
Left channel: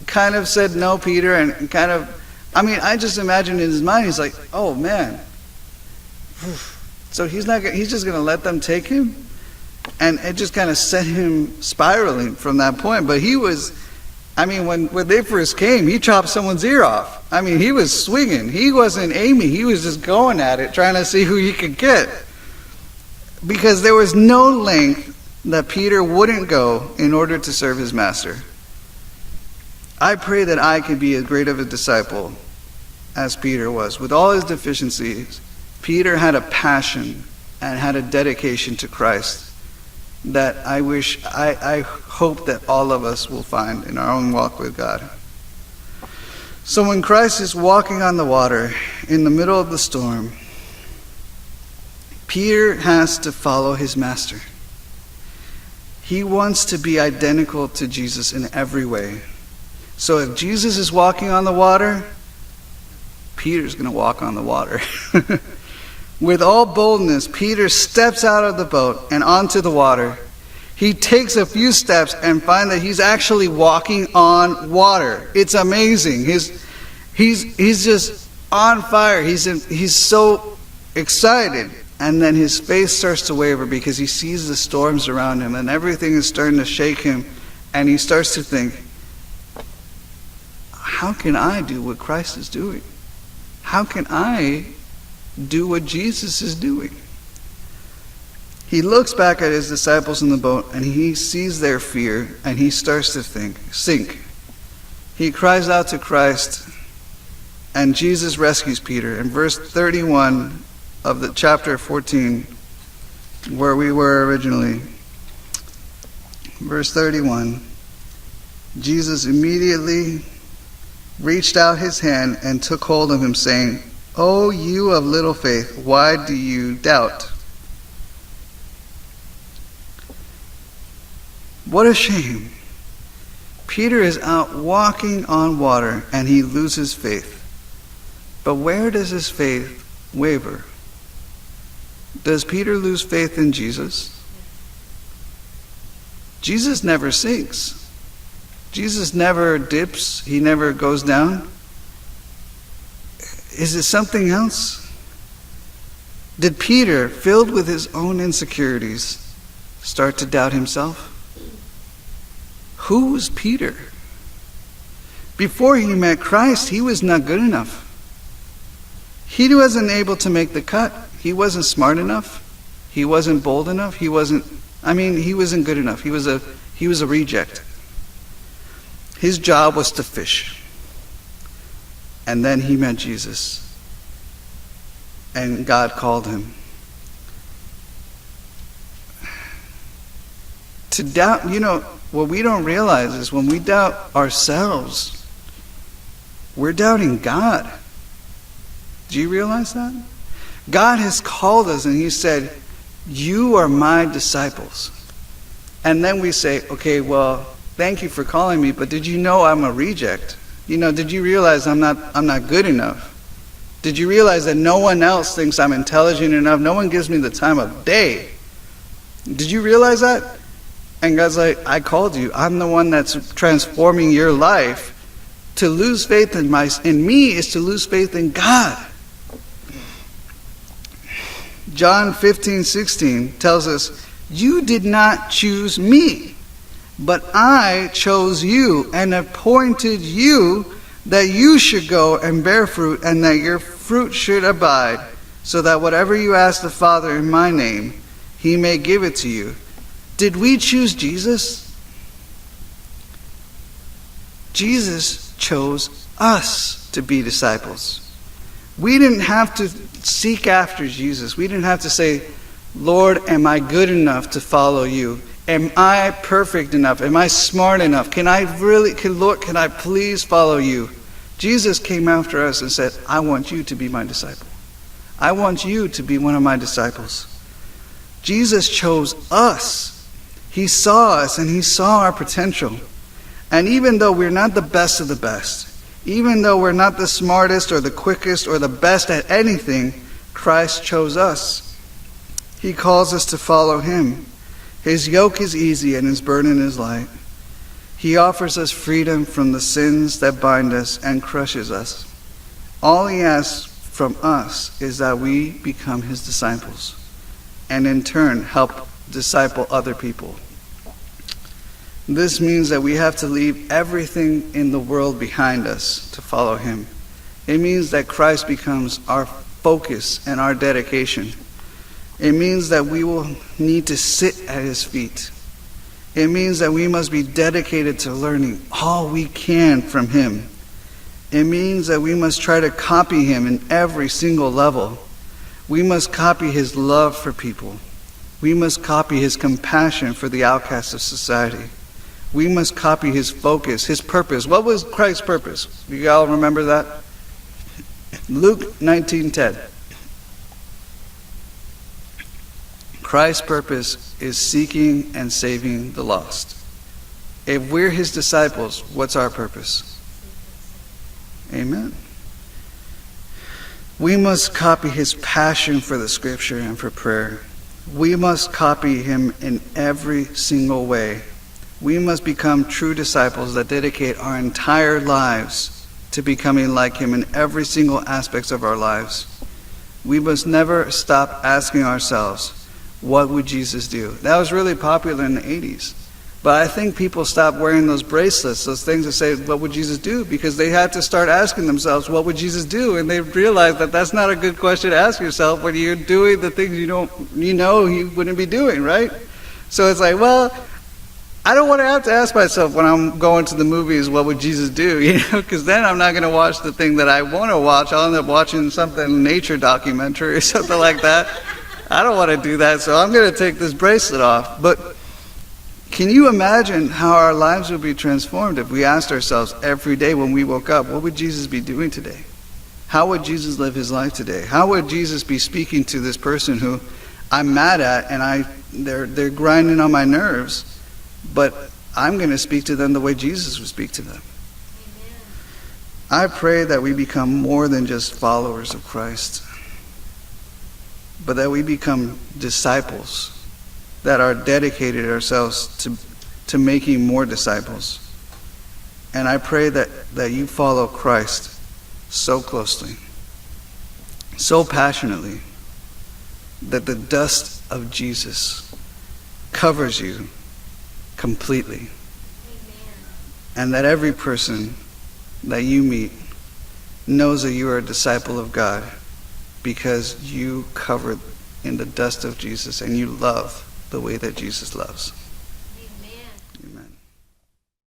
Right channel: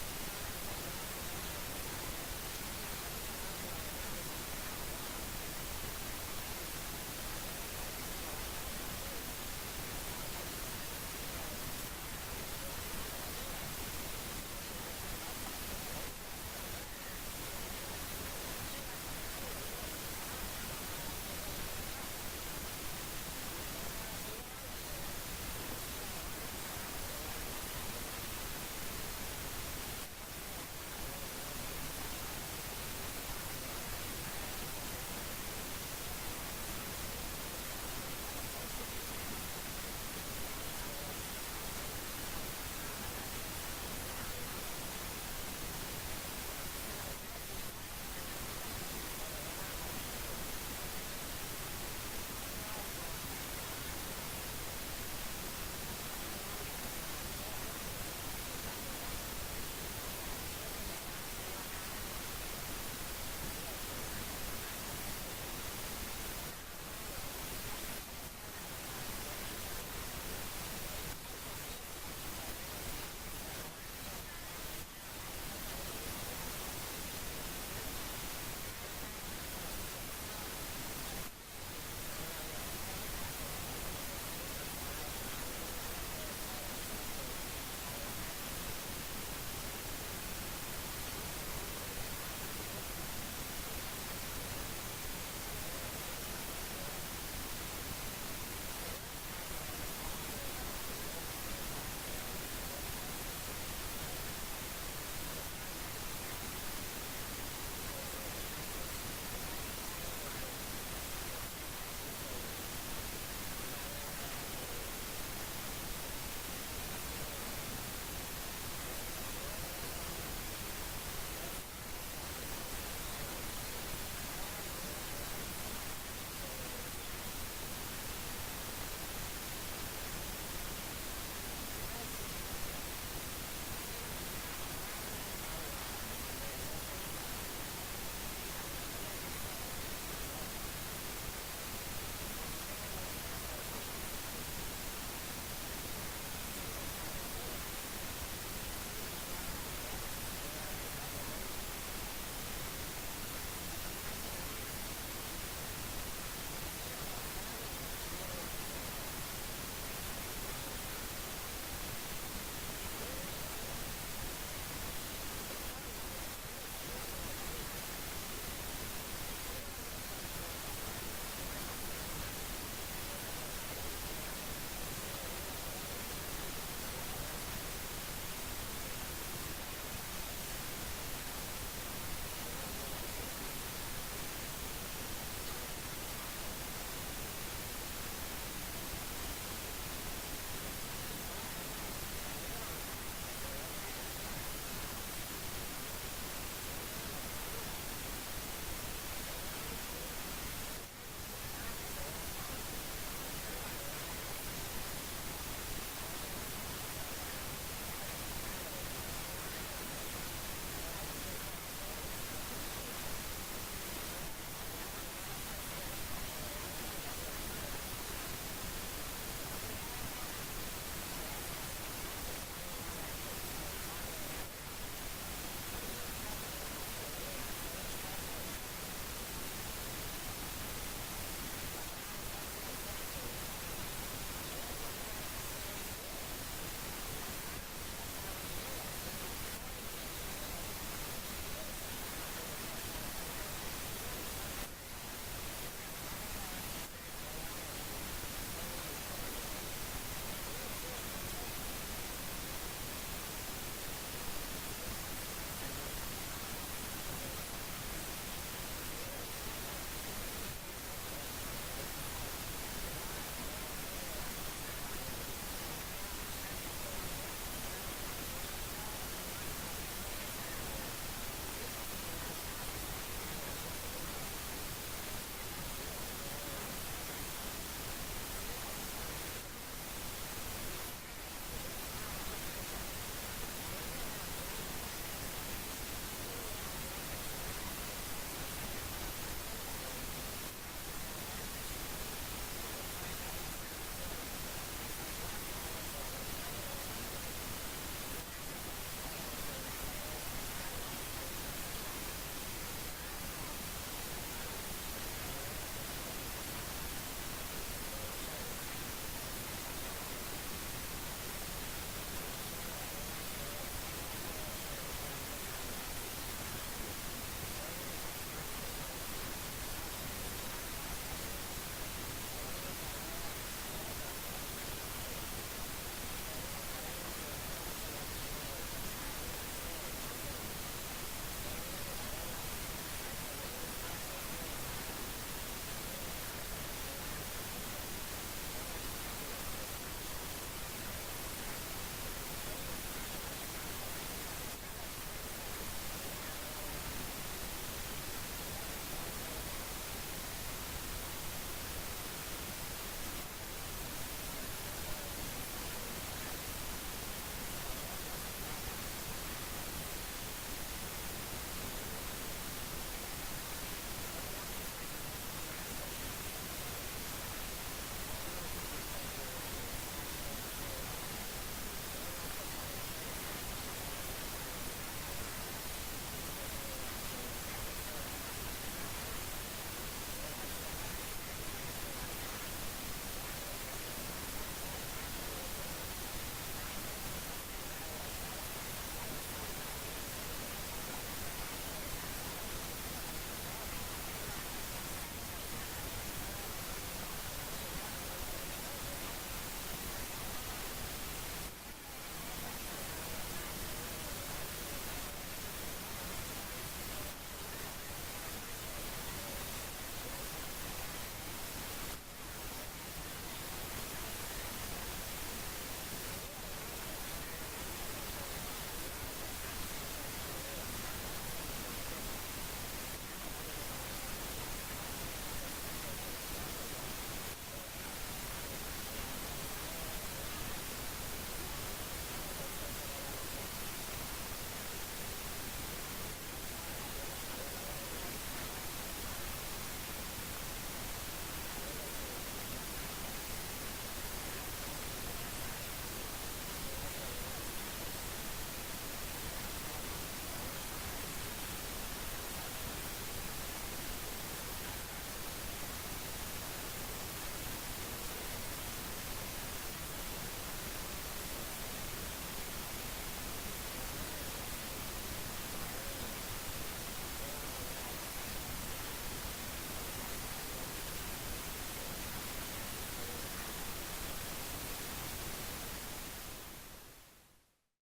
kind of said, "No, Peter," and I just imagine in his mind, he's like, "Oh man. So he's just going to let them take him?" And it just kind of set him spiraling from that point. But he was, when they first came, he chopped someone's ear off. He was swinging. He wasn't aiming. He was just going at it, trying to see who he could get. Because there was no length that Peter wouldn't go in order to serve his master. I pray that I could be as great of a disciple as Peter was. With all his deficiencies, Peter had a passion and had a dedication to Christ that I hope that all of us will find in our own walk with God. So when Christ is walking on the water in the middle of the storm, Peter has to follow his master. He wants to be identical to Jesus in every way. So if Jesus is walking on the water, Peter's going to walk on the water. With all boldness, Peter steps out of the boat and onto the water. He takes a few steps and finds that he's actually walking on water. It's amazing. He's just on fire. He's so excited. And then his face starts to waver because he sees the storms around him and everything is starting to shake him. And he starts to think, how can I do what Christ is doing? How can I do what Jesus is doing? He looks back at his disciples in the boat and he sees their fear and he starts to sink. He cries out to Christ and Jesus rescues Peter. In verse 31 of the chapter 14, where we were originally, verse 31, Jesus immediately reached out his hand and took hold of him, saying, "O you of little faith, why do you doubt?" What a shame. Peter is out walking on water and he loses faith. But where does his faith waver? Does Peter lose faith in Jesus? Jesus never sinks. Jesus never dips. He never goes down. Is it something else? Did Peter, filled with his own insecurities, start to doubt himself? Who was Peter? Before he met Christ, he was not good enough. He wasn't able to make the cut. He wasn't smart enough. He wasn't bold enough. He wasn't good enough. He was a reject. His job was to fish. And then he met Jesus. And God called him. To doubt, what we don't realize is when we doubt ourselves, we're doubting God. Do you realize that? God has called us and he said, "You are my disciples." And then we say, "Okay, well, thank you for calling me, but did you know I'm a reject? Did you realize I'm not good enough? Did you realize that no one else thinks I'm intelligent enough? No one gives me the time of day. Did you realize that?" And God's like, "I called you. I'm the one that's transforming your life. To lose faith in me is to lose faith in God." John 15:16 tells us, "You did not choose me, but I chose you and appointed you that you should go and bear fruit and that your fruit should abide, so that whatever you ask the Father in my name, he may give it to you." Did we choose Jesus? Jesus chose us to be disciples. We didn't have to seek after Jesus. We didn't have to say, "Lord, am I good enough to follow you? Am I perfect enough? Am I smart enough? Lord, can I please follow you?" Jesus came after us and said, "I want you to be my disciple. I want you to be one of my disciples." Jesus chose us. He saw us and he saw our potential. And even though we're not the best of the best, even though we're not the smartest or the quickest or the best at anything, Christ chose us. He calls us to follow him. His yoke is easy and his burden is light. He offers us freedom from the sins that bind us and crushes us. All he asks from us is that we become his disciples and in turn help disciple other people. This means that we have to leave everything in the world behind us to follow him. It means that Christ becomes our focus and our dedication. It means that we will need to sit at his feet. It means that we must be dedicated to learning all we can from him. It means that we must try to copy him in every single level. We must copy his love for people. We must copy his compassion for the outcasts of society. We must copy his focus, his purpose. What was Christ's purpose? Do you all remember that? Luke 19:10. Christ's purpose is seeking and saving the lost. If we're his disciples, what's our purpose? Amen. We must copy his passion for the scripture and for prayer. We must copy him in every single way. We must become true disciples that dedicate our entire lives to becoming like him in every single aspect of our lives. We must never stop asking ourselves, what would Jesus do? That was really popular in the 80s. But I think people stopped wearing those bracelets, those things that say, what would Jesus do? Because they had to start asking themselves, what would Jesus do? And they realized that that's not a good question to ask yourself when you're doing the things you know he wouldn't be doing, right? So it's like, well, I don't want to have to ask myself when I'm going to the movies, what would Jesus do? Because then I'm not going to watch the thing that I want to watch. I'll end up watching something, nature documentary or something like that. I don't want to do that, so I'm going to take this bracelet off. But can you imagine how our lives would be transformed if we asked ourselves every day when we woke up, what would Jesus be doing today? How would Jesus live his life today? How would Jesus be speaking to this person who I'm mad at and they're grinding on my nerves, but I'm going to speak to them the way Jesus would speak to them? I pray that we become more than just followers of Christ, but that we become disciples that are dedicated ourselves to making more disciples. And I pray that you follow Christ so closely, so passionately, that the dust of Jesus covers you completely. And that every person that you meet knows that you are a disciple of God because you covered in the dust of Jesus and you love the way that Jesus loves.